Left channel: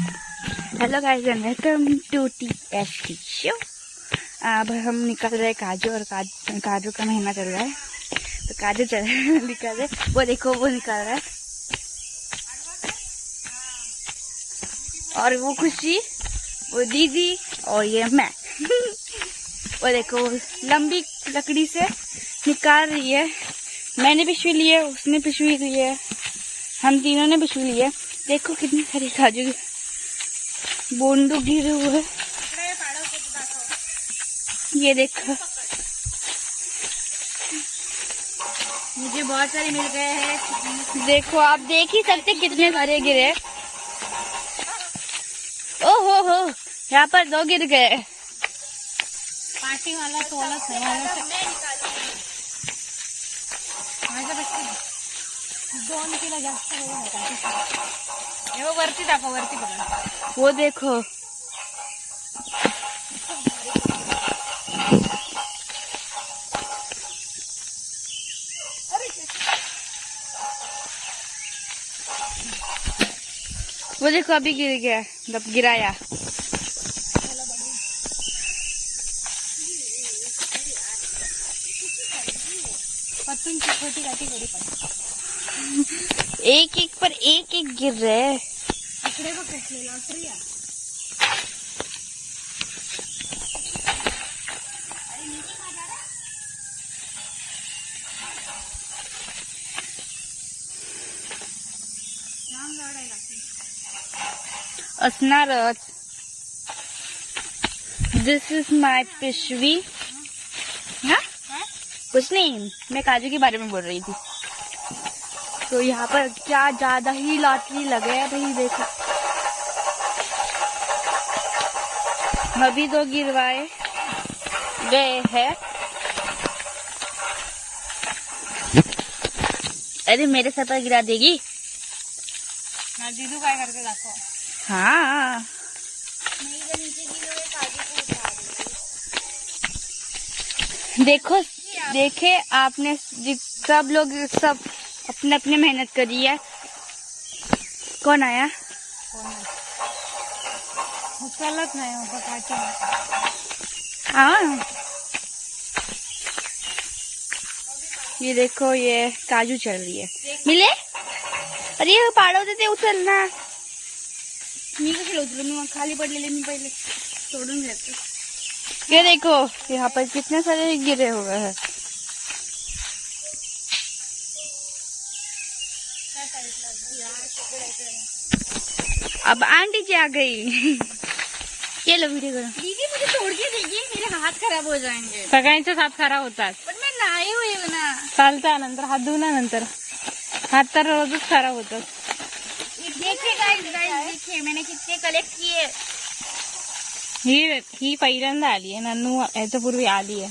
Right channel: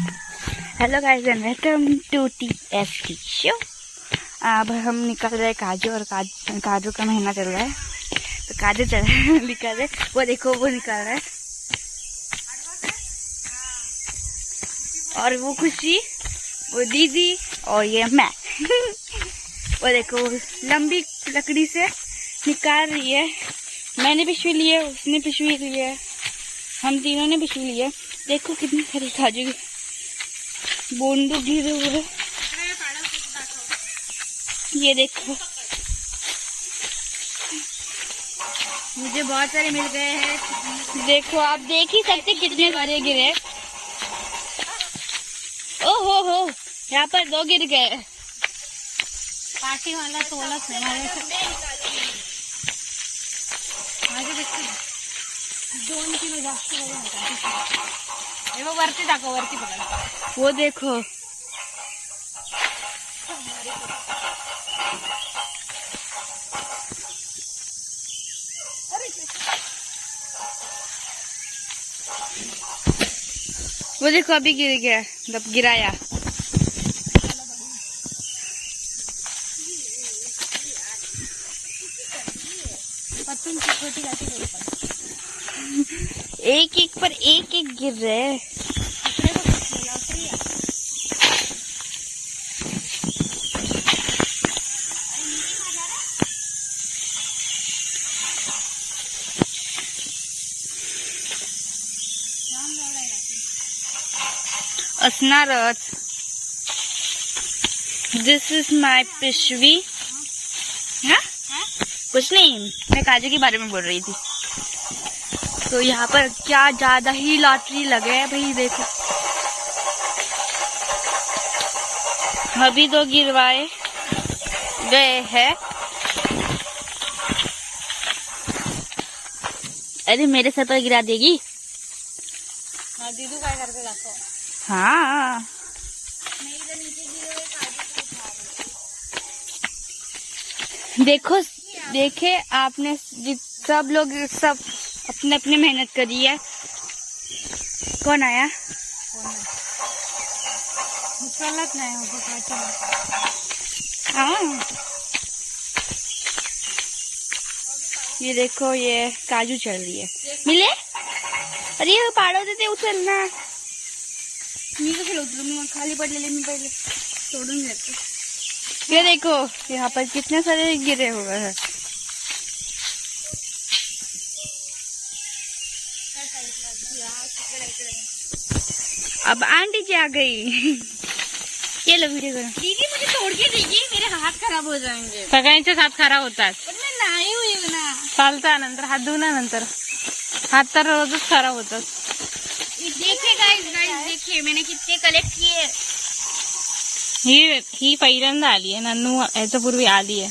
Hello guys and welcome to TST show. अब हम निकल रहे हैं काजू, और काजू का महीना चल रहा है तो काजू निकल रहे। वो देखो वो निकल रहा है, और वो खुशी, वो दीदी, और ये मैं। वो देखो लंबी लकड़ी से निकाल रही है। मैंने पिशवी ली है, उसने पिशवी ली है, हम तीनों ने पिशवी ली है। देखो कितनी सारी काजू की बोंडू गिरे हुए हैं। ये देखो मुझे बहुत सारे मिल गए हैं। देखो आप देख ही सकते कितने सारे गिरे। ओहो, यहाँ पर 2 गिर गए। पार्टी वाला तोलत है 2 किलो जास्त वरती दाखव, वरती बघा। वो देखो वो देखो अभी गिर गया, मतलब गिराया। पत्तून की छोटी गाठी करी पण एक एक पर एक एक गिर रहे। इकडे बघ कसली लाकडी आहे। राम झाड आहे गाठी असणारच। दिस इज माय पिशवी। हाँ कुछ नहीं, मैं काजू के बारे में बोल रही थी। तो यहाँ पर क्या ज्यादा ही लॉटरी लगे है भाई। देखो अभी 2 गिरवाए गए हैं। अरे मेरे सर पर गिरा देगी। हाँ दीदू काय करते दाखव। हाँ देखो, देखे आपने, सब लोग सब अपने अपने मेहनत करी है। कौन आया? चलत नाही होता काठी। हाँ ये देखो ये काजू चल रही है। मिले? अरे ये पाड़ो देते उचलना। मी कशाला उचलू, मी खाली पडलेले मी पहिले तोडून घेते। ये देखो यहाँ पर कितने सारे गिरे हुए हैं। अब आंटी जी आ गई। ये लो वीडियो करो। दीदी मुझे तोड़ के दीजिए, मेरे हाथ खराब हो जाएंगे। सगळ्यांचेच हात खराब होतात। पण मैं नाही हुई ना। चालता नंतर हात धुण्यानंतर हात तर रोजच खराब होतात। देखिए गाइस देखिए मैंने कितने कलेक्ट किए। ही पहिल्यांदा आली आहे, नन्नू याच्या पूर्वी आली आहे,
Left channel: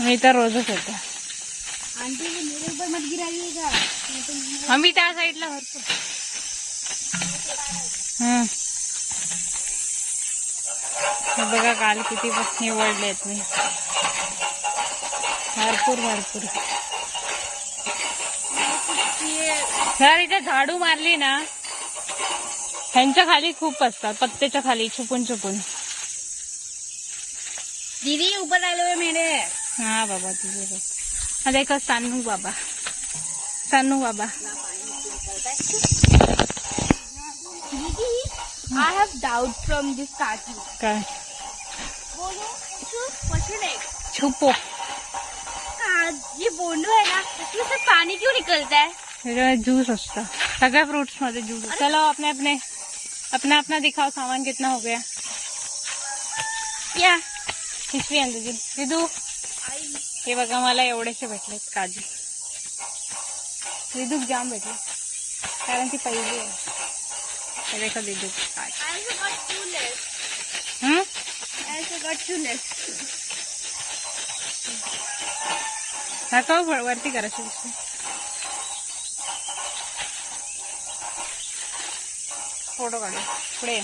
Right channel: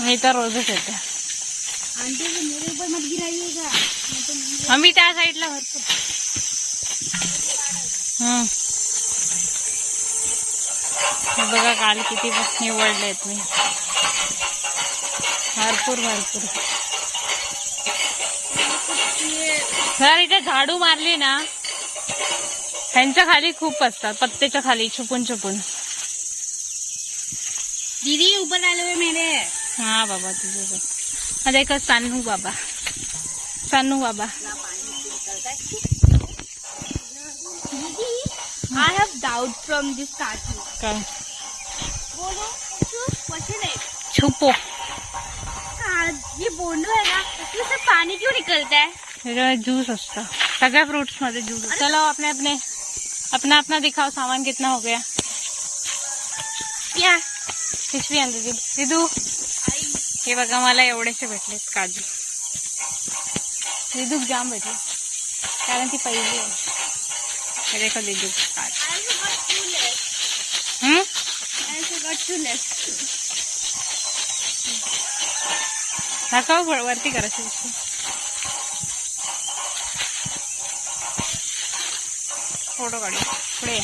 मी तर रोजच येते। आंटी जी मेरे ऊपर मत गिराइएगा। आम्ही त्या साईडला भरपूर हे बघा काल किती निवडलेत मी, भरपूर भरपूर। जर इथे झाडू मारली ना, ह्यांच्या खाली खूप असतात, पत्त्याच्या खाली छुपून छुपून। दीदी ऊपर डाले हुए मेरे। हाँ बाबा तुझे देखो सानू बाबा, सानू बाबा। I have doubt from this statue. काय बोलो पशु नहीं। छुपो, ये बोंडू है ना, इसमें से पानी क्यों निकलता है? त्याच्यामध्ये ज्यूस असतं, सगळ्या फ्रूट्स मध्ये ज्यूस। चलो अपने अपने अपना अपना दिखाओ सामान कितना हो गया। क्या पिशवी आण दिदू। हे बघा मला एवढेसे भेटलेत काजू, दिदूक जाम भेटले कारण ती पहिली आहे। हे देखो दिदूक काजू। दाखव वरती करायची पिशवी। फोटो काढू पुढे।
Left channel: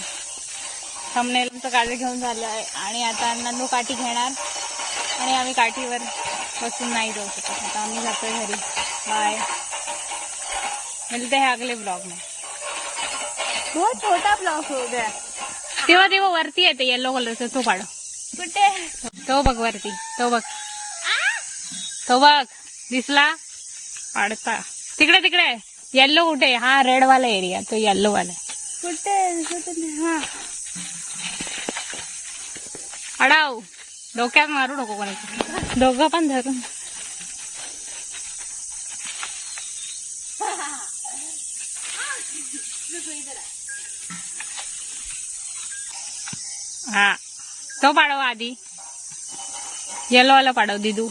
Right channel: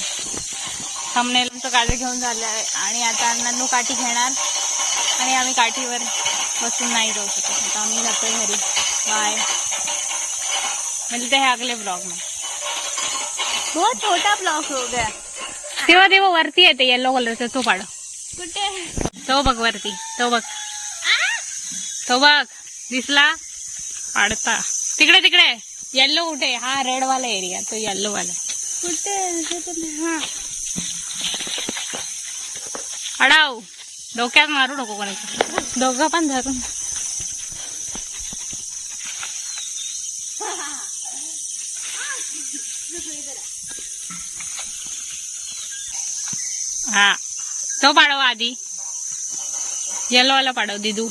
थंबनेल आमचं काजू घेऊन झालं आहे आणि आता नन्नू काठी घेणार आणि आम्ही काठीवर बसून नाही राहू शकत। आता आम्ही जातोय घरी। बाय, मिलते हैं अगले ब्लॉग में। बहुत छोटा ब्लॉक हो गया. तेव्हा तेव्हा वरती येते येलो कलरचा तो पाड. कुठे? तो बघ वरती, तो बघ, तो बघ दिसला पाडता. तिकडे तिकडे येल्लो कुठे? हा रेड वाला एरिया, तो येल्लो वाला. कुठे? अडाव डोक्यात मारू नको कोणाचं. दोघं पण धरून. हा तो पाडव आधी. येलो वाला पाडव दिदू.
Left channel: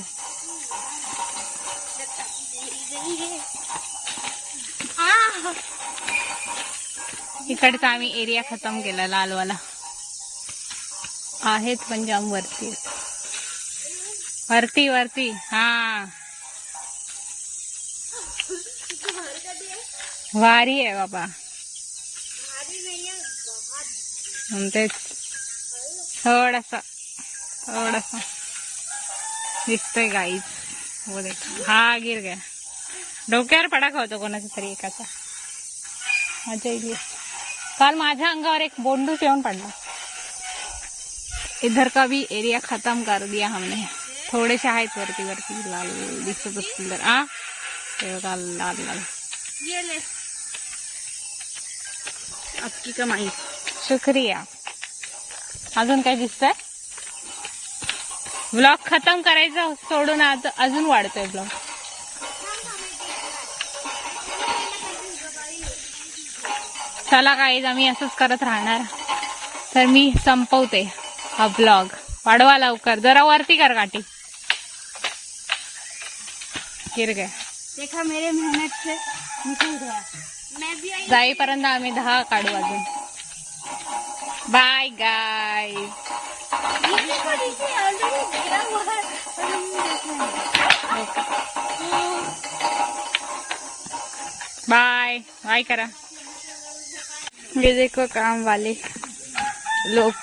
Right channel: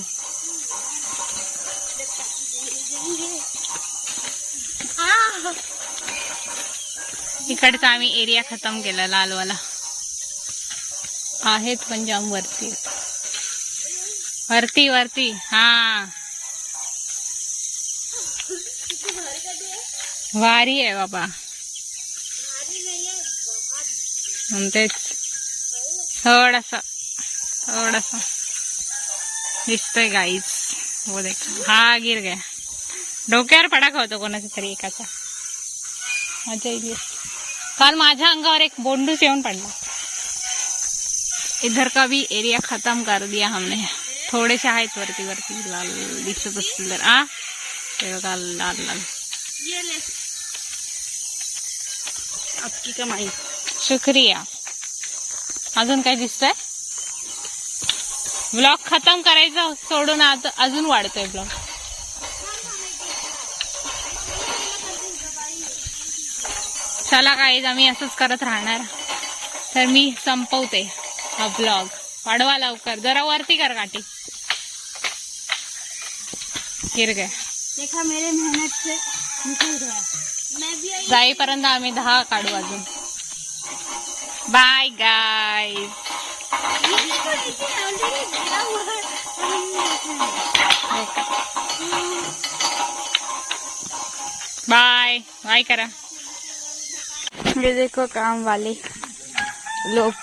इकडचा आम्ही एरिया खतम केला लालवाला. आहेत पण जाम वरती आहेत. वरती वरती हा वारी आहे बाबा. तेच थोडासा दिसतोय गाईच. वो देख हा गिर गया. डोक्यावर पडाका होतो कोणाचा तरी एकाचा. मजा येईल. काल माझ्या अंगावर एक बोंडूस येऊन पडला. इधर का भी एरिया खत्म कर दिया हमने. थोडेसे आहेत वरती वरती लाल दिसत असतील तर. ते बघा लाल लाल. आपकी कमाई. शुक्रिया. अजून काय दिसतंय? ब्लॉग खतम करायचं सोडून आता अजून वाढतोय ब्लॉग. चला काय आम्ही असंच करत राहणार. तर मी संपवते हा ब्लॉग. वाढवा लवकर. जरा वरती कर काठी. गिर गया. देखा मेरे मेहनत से निकल गया. मैं भी जाईपर्यंत आम्ही 10 काढू अजून. Bye guys. बाय बाय करा. ये देखो काम वाले लोग